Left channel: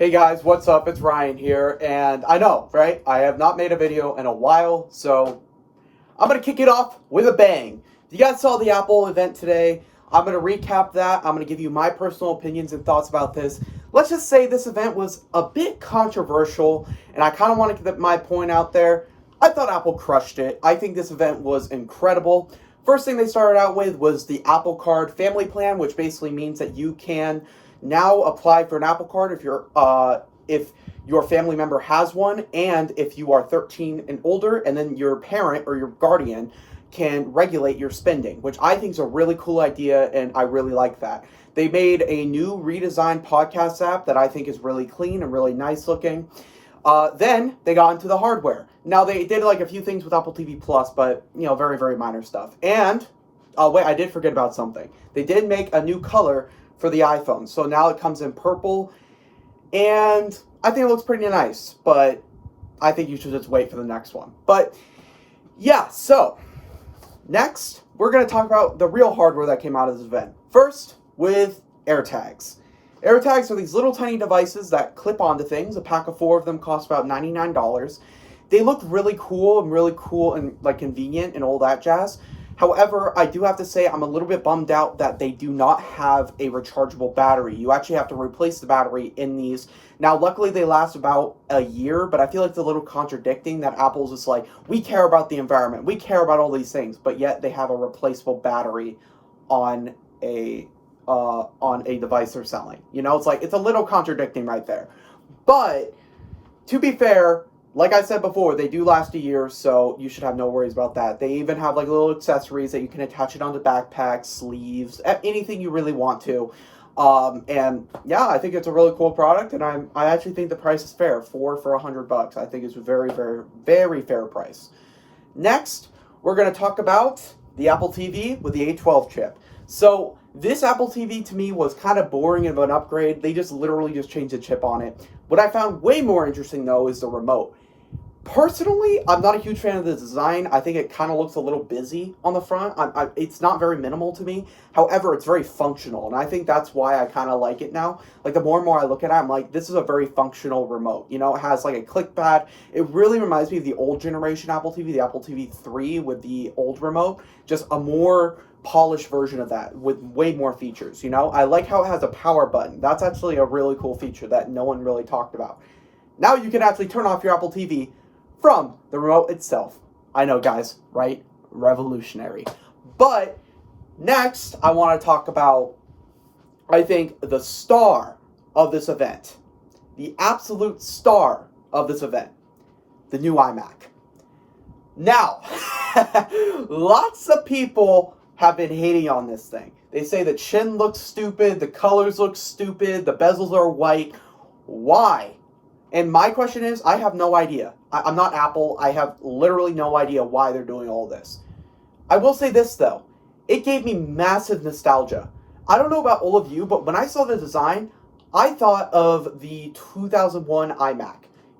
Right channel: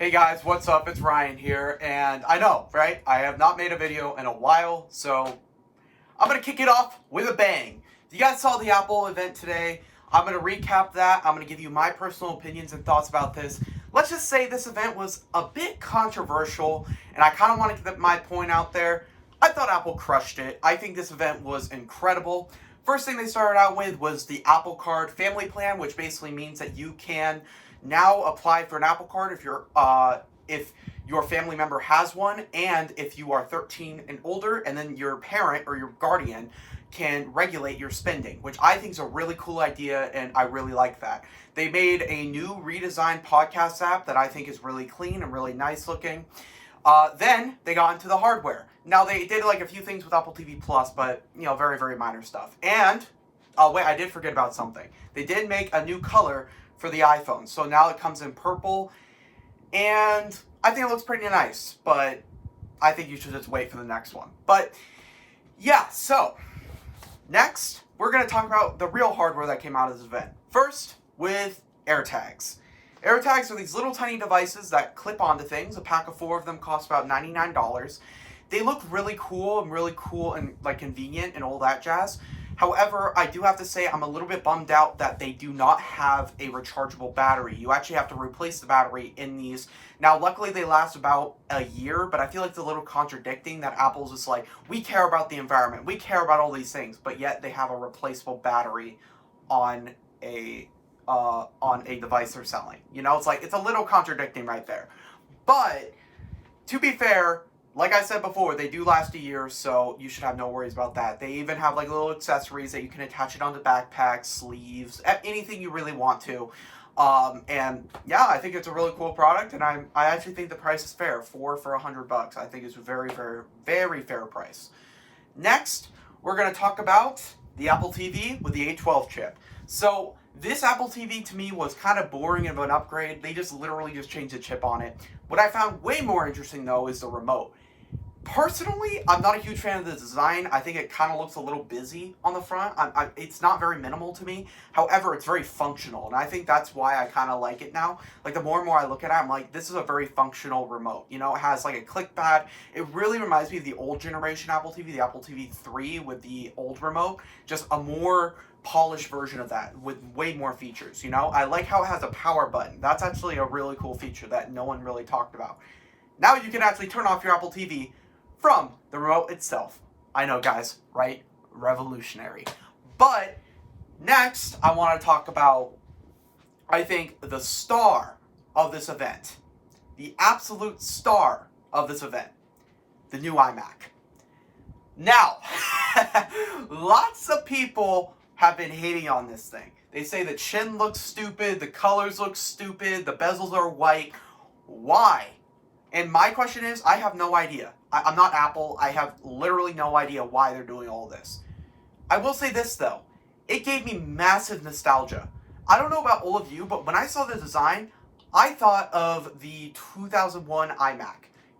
Hey guys, what's up? It's Ryan here, and I know, right? I have not made a video in a while, so I'm gonna kick it off with a bang. You guys saw the Apple event today. I'm gonna recap that. I'm gonna give you my personal opinions and thoughts about this. Let's just say this event was a bit controversial, and I kind of want to get my point out there. I thought Apple crushed it. I think this event was incredible. First thing they started out with was the Apple Card family plan, which basically means that you can now apply for an Apple Card if your family member has one, and if you are 13 and older, and then your parent or your guardian can regulate your spending, which I think is a really cool idea, and I really like that. They made a new redesigned podcast app that I think is really clean and really nice looking. Then they got into the hardware. Now they did like a few things with Apple TV Plus, but very, very minor stuff. And wait, I did forget about something. They did make a new color for the iPhone, so now it comes in purple, and I think it looks pretty nice. But I think you should just wait for the next one. But yeah, so next we're gonna talk about the real hardware that came out of this event. First, with Airtags. Airtags are these little tiny devices that clip onto things. A pack of 4 of them costs about $99. They look really cool and like convenient and all that jazz. However, I do have to say I'm a little bit bummed out that they do not have a rechargeable battery. You actually have to replace the battery in these. Now, luckily they last about a year, but I feel like it's a little contradicting that Apple's just like, we care about the environment, we care about all these things, but yet they have a replaceable battery on a device they're selling. It's like, it's a little contradicting right there. But to be fair, like I said before, they do last a year, so you should have no worries about that. They even have like little accessories that you can attach it onto backpacks, sleeves, anything you really want to. And yeah, I think it's a really cool product, and I actually think the price is fair. 4 for $100. I think it's a very, very, very fair price. Next, we're going to talk about the Apple TV with the A12 chip. So this Apple TV to me was kind of boring of an upgrade. They just literally just changed the chip on it. What I found way more interesting though is the remote. Personally, I'm not a huge fan of the design. I think it kind of looks a little busy on the front. It's not very minimal to me. However, it's very functional, and I think that's why I kind of like it now. Like, the more and more I look at it, I'm like, this is a very functional remote. It has like a click pad. It really reminds me of the old generation Apple TV, the Apple TV 3 with the old remote. Just a more polished version of that with way more features. I like how it has a power button. That's actually a really cool feature that no one really talked about. Now you can actually turn off your Apple TV from the remote itself. I know, guys, right? Revolutionary. But next, I want to talk about, I think, the star of this event. The absolute star of this event. The new iMac. Now, lots of people have been hating on this thing. They say the chin looks stupid, the colors look stupid, the bezels are white. Why? And my question is, I have no idea. I'm not Apple. I have literally no idea why they're doing all this. I will say this, though. It gave me massive nostalgia. I don't know about all of you, but when I saw the design, I thought of the 2001 iMac.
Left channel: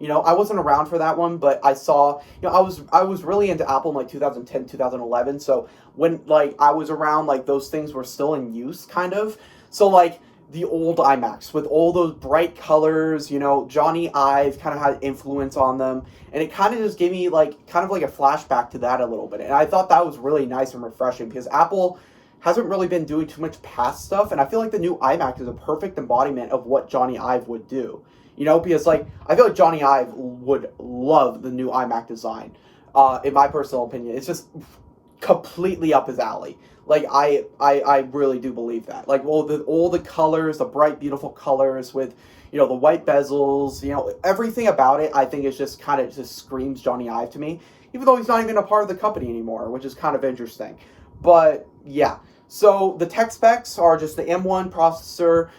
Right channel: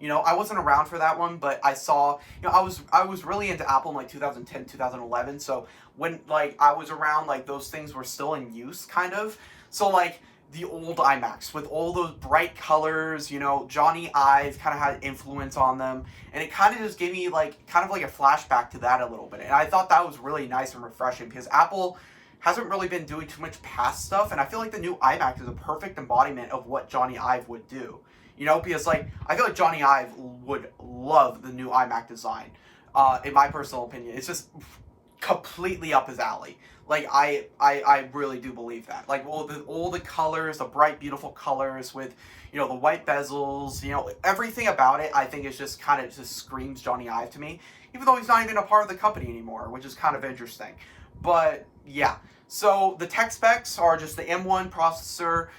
I wasn't around for that one, but I saw, I was really into Apple in like 2010, 2011. So when I was around, those things were still in use, kind of. So the old iMacs with all those bright colors, Johnny Ive kind of had influence on them, and it kind of just gave me kind of like a flashback to that a little bit. And I thought that was really nice and refreshing because Apple hasn't really been doing too much past stuff, and I feel like the new iMac is a perfect embodiment of what Johnny Ive would do. Because I feel like Johnny Ive would love the new iMac design. In my personal opinion, it's just completely up his alley. I really do believe that. All the colors, the bright, beautiful colors with, the white bezels, everything about it, I think is just kind of just screams Johnny Ive to me, even though he's not even a part of the company anymore, which is kind of interesting. But yeah. So the tech specs are just the M1 processor.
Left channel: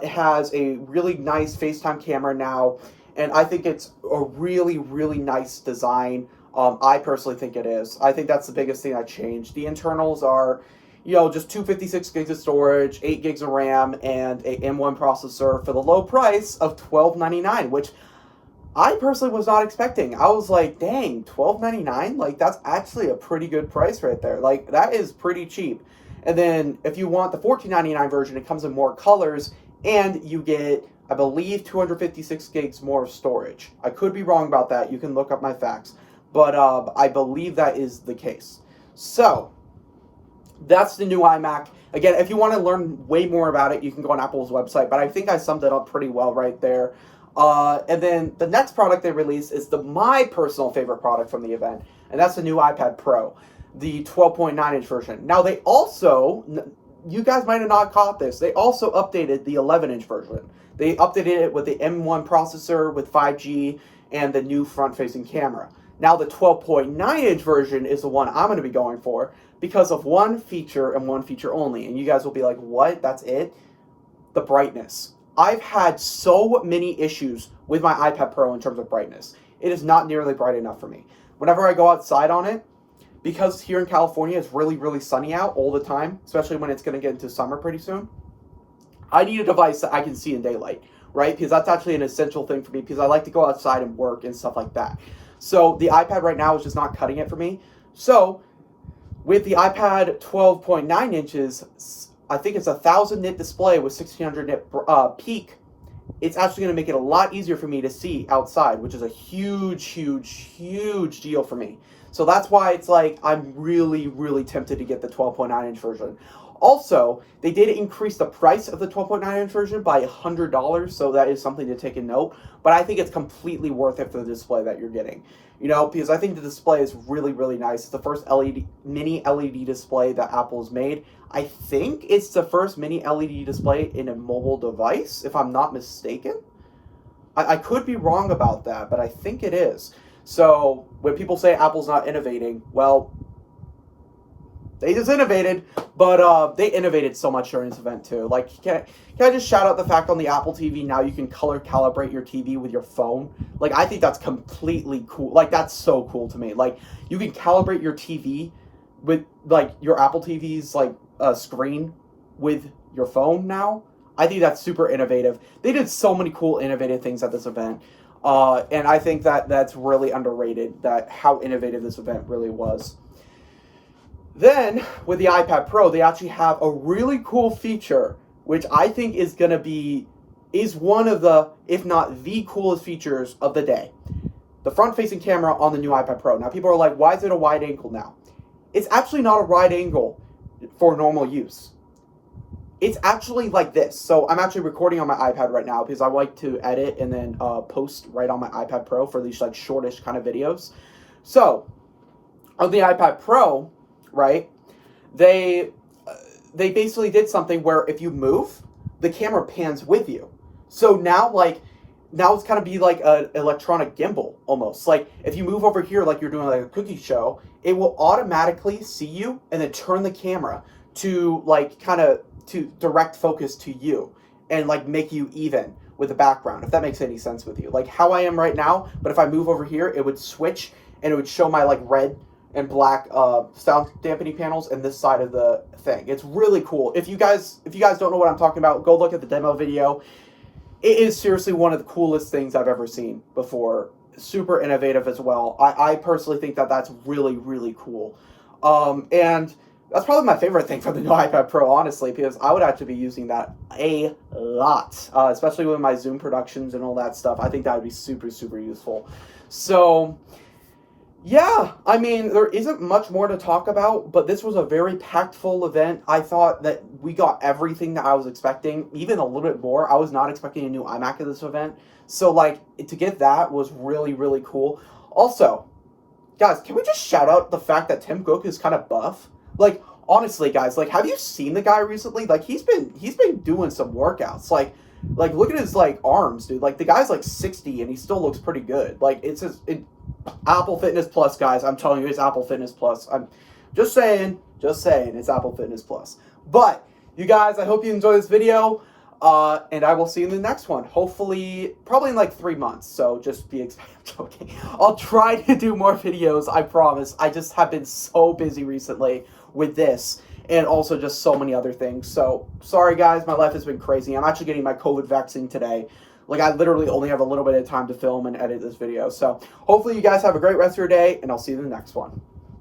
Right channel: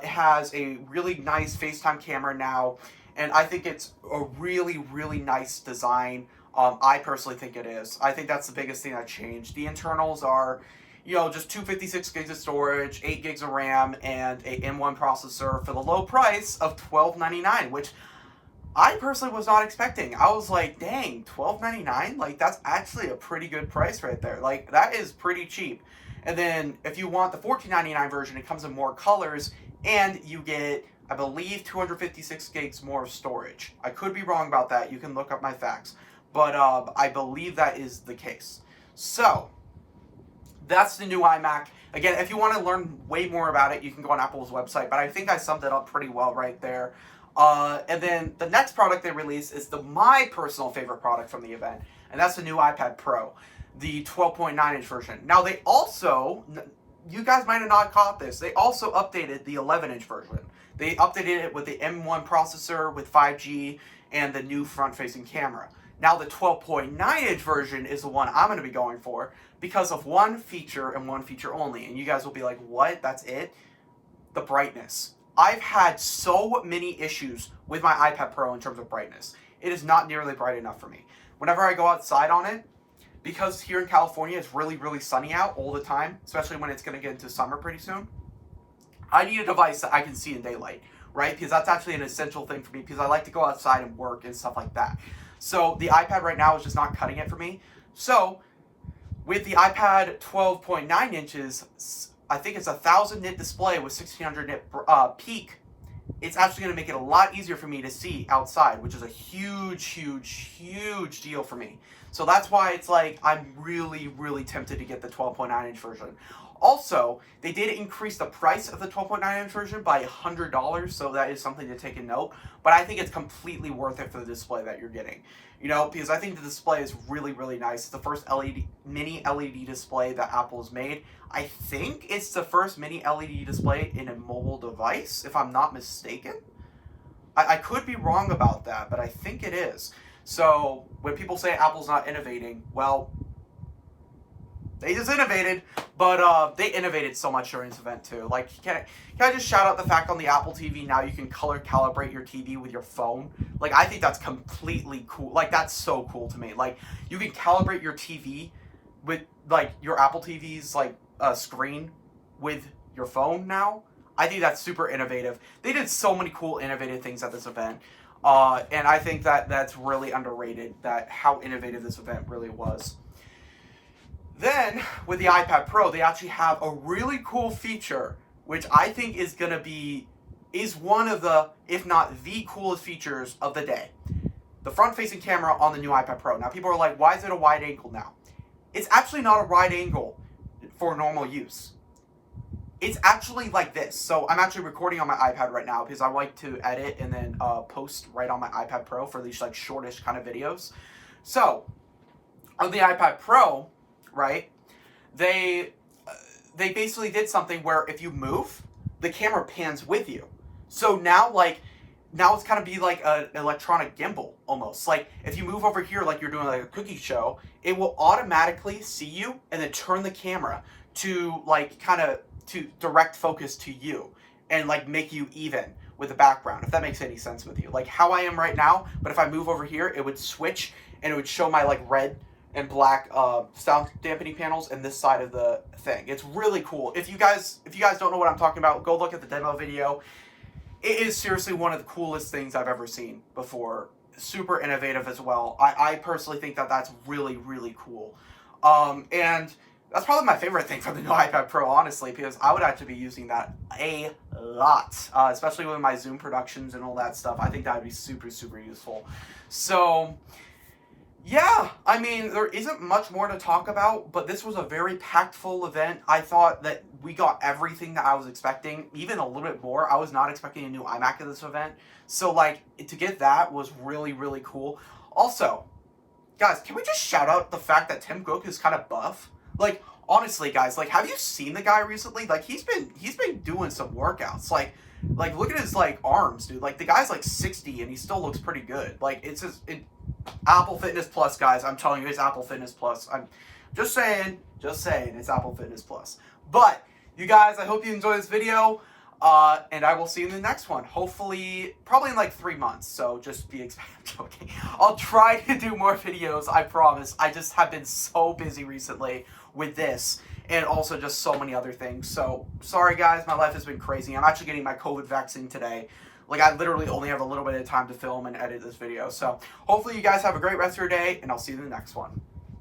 It has a really nice FaceTime camera now, and I think it's a really, really nice design. I personally think it is. I think that's the biggest thing that changed. The internals are, just 256 gigs of storage, 8 gigs of RAM, and a M1 processor for the low price of $12.99, which I personally was not expecting. I was like, dang, $12.99? That's actually a pretty good price right there. That is pretty cheap. And then if you want the $14.99 version, it comes in more colors, and you get I believe 256 gigs more of storage. I could be wrong about that. You can look up my facts. But I believe that is the case. So, that's the new iMac. Again, if you want to learn way more about it, you can go on Apple's website. But I think I summed it up pretty well right there. And then the next product they released is my personal favorite product from the event. And that's the new iPad Pro, the 12.9-inch version. Now, they also, you guys might have not caught this, they also updated the 11-inch version. They updated it with the M1 processor with 5G and the new front-facing camera. Now, the 12.9-inch version is the one I'm going to be going for because of one feature and one feature only. And you guys will be like, what? That's it? The brightness. I've had so many issues with my iPad Pro in terms of brightness. It is not nearly bright enough for me. Whenever I go outside on it, because here in California it's really, really sunny out all the time, especially when it's going to get into summer pretty soon, I need a device that I can see in daylight, right? Because that's actually an essential thing for me because I like to go outside and work and stuff like that. So the iPad right now is just not cutting it for me. So with the iPad 12.9 inches, I think it's a 1000 nit display with 1600 nit peak. It's actually going to make it a lot easier for me to see outside, which is a huge, huge, huge deal for me. So that's why it's like I'm really, really tempted to get the 12.9-inch version. Also, they did increase the price of the 12.9-inch version by $100, so that is something to take a note. But I think it's completely worth it for the display that you're getting. You know, because I think the display is really, really nice. It's the first mini LED display that Apple's made. I think it's the first mini LED display in a mobile device, if I'm not mistaken. I could be wrong about that, but I think it is. So when people say Apple's not innovating, well, they just innovated, but they innovated so much during this event too. Like, can I just shout out the fact on the Apple TV now you can color calibrate your TV with your phone? Like, I think that's completely cool. Like, that's so cool to me. Like, you can calibrate your TV with, like, your Apple TV's, like, screen with your phone now. I think that's super innovative. They did so many cool, innovative things at this event. And I think that that's really underrated, that how innovative this event really was. Then, with the iPad Pro, they actually have a really cool feature, which I think is one of the, if not the coolest features of the day. The front-facing camera on the new iPad Pro. Now, people are like, why is it a wide angle now? It's actually not a wide angle for normal use. It's actually like this. So I'm actually recording on my iPad right now because I like to edit and then post right on my iPad Pro for these like shortish kind of videos. So on the iPad Pro, right, they basically did something where if you move, the camera pans with you. So now it's kind of be like an electronic gimbal almost. Like if you move over here like you're doing like a cookie show, it will automatically see you and then turn the camera to like kind of to direct focus to you and like make you even with the background, if that makes any sense with you. Like how I am right now, but if I move over here, it would switch and it would show my like red and black sound dampening panels and this side of the thing. It's really cool. If you guys don't know what I'm talking about, go look at the demo video. It is seriously one of the coolest things I've ever seen before. Super innovative as well. I personally think that that's really, really cool. And that's probably my favorite thing from the new iPad Pro, honestly, because I would actually be using that a lot, especially with my Zoom productions and all that stuff. I think that would be super, super useful. So, yeah, I mean, there isn't much more to talk about, but this was a very packed full event. I thought that we got everything that I was expecting, even a little bit more. I was not expecting a new iMac at this event. So, like, to get that was really, really cool. Also, guys, can we just shout out the fact that Tim Cook is kind of buff? Like, honestly, guys, like, have you seen the guy recently? Like, he's been doing some workouts. Like, look at his, like, arms, dude. Like, the guy's, like, 60, and he still looks pretty good. Like, it's Apple Fitness Plus, guys. I'm telling you, it's Apple Fitness Plus. I'm just saying, it's Apple Fitness Plus. But, you guys, I hope you enjoyed this video. And I will see you in the next one. Hopefully, probably in like 3 months. So just be joking. I'll try to do more videos, I promise. I just have been so busy recently with this and also just so many other things. So sorry guys, my life has been crazy. I'm actually getting my COVID vaccine today. Like I literally only have a little bit of time to film and edit this video. So hopefully you guys have a great rest of your day and I'll see you in the next one.